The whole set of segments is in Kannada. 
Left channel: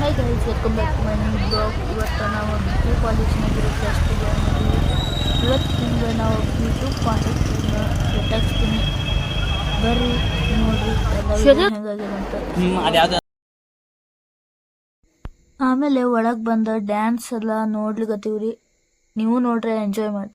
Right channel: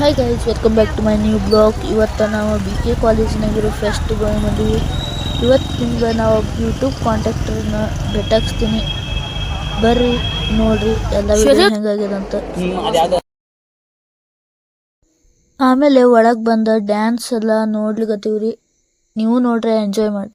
Hi guys, welcome back to my new blog. ಇವತ್ತು ನಾವು ಬಿ ಕೆ ಕಾಲೇಜಿನಾಗಿರೋ ಫೆಸ್ಟಿವಲ್ ನಡುವೆ ಇವತ್ತು ನಿಮ್ಗೆ ನಾವು ಯೂಟ್ಯೂಬ್ ಕಾಂಟ್ಯಾಕ್ಟರ್ನ ಭೇಟಾಕ್ಸ್ತೀನಿ. ಬರ್ರಿ ನೋಡ್ರಿ ಎಲ್ಲ ವಿಡಿಯೋ ಹೆಂಗಾಗಿದೆ ಅಂತ. ಆಮೇಲೆ ಒಳಗೆ ಬಂದ ಡ್ಯಾನ್ಸ್ ಎಲ್ಲ ನೋಡ್ಲಿಕತ್ತೀವ್ರಿ. ನೀವು ನೋಡ್ರಿ, ಎಂಜಾಯ್ ಮಾಡಿ.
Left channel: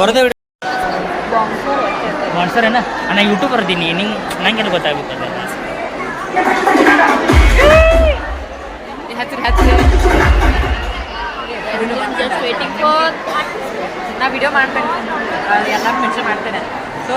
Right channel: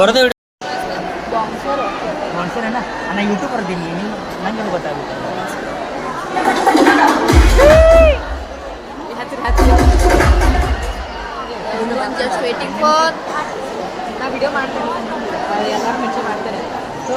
ಬರೋದೇ ಸ್ಪಾನ್ಸರ್ ಏನ ನಾನು ಯೂಟ್ಯೂಬರ್ ಇದ್ದೀನಿ, ನಂಗೇನು ಗೊತ್ತಾಗುತ್ತಲ್ಲ. ಜಸ್ಟ್ ವೇಟಿಂಗ್ ಫಾರ್ ನಾ ವಿಡಿಯೋ ಮಾಡ್ತೇನೆ, ಎಲ್ಲ ಮೆನ್ಷನ್ ಮಾಡ್ತೇನೆ. ಸೊ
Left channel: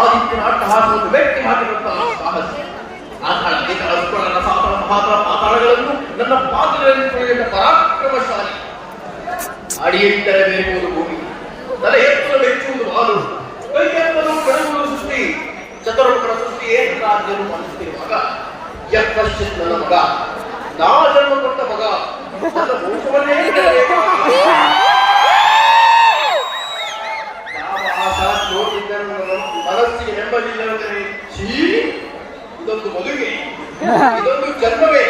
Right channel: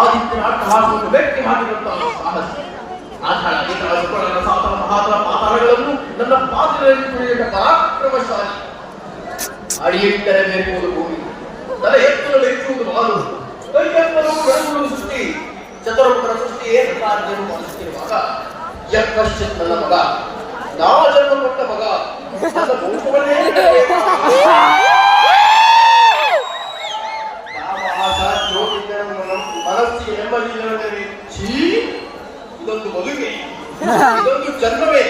ಆದಿತ್ಯನ ಅಟ್ಟಹಾಸವನ್ನು ಮೆಟ್ಟಿ ಹಾಕಿರುವಂತಹ ಸಾಹಸ ಆಧಾಳ ನನ್ನ ಸಾತನ ಮಹಾತನ ಪಾತಾಳಗಳನ್ನು ನನ್ನ ಪಾತ್ರದಲ್ಲಿ ತುಳಿದ ಪರಾಕ್ರಮಶಾಲಿ. ಅಡಿಯೆತ್ತರೆ ಬೇರುವುದು ಭೂಮಿ, ತಲೆ ಎತ್ತಲು ಬೆಚ್ಚುವುದು ಹಾಲು, ಕೈ ಎತ್ತಲು ಬೆಳಗುವುದು ಸೃಷ್ಟಿ, ಚತುರ್ಮುಖನ ಸೃಷ್ಟಿಯೇ ರಾಜ್ಯವನ್ನು ಪಾಲಿಸುತ್ತಿರುವಾಗ ಯಕ್ಕಶ್ಚಿತ್ ನನ್ನ ಮಗ, ನಾ ಜನ್ಮ ಕೊಟ್ಟ ಮಗ, ನನ್ನ ವಂಶವನ್ನೇ ಮನಸ್ಸಿಗೆ ನೆಮ್ಮದಿಲ್ಲವೆಂದರೆ ಇದೊಂದು ಮದುವೆ, ಇದೊಂದು ಜನ್ಮವೇ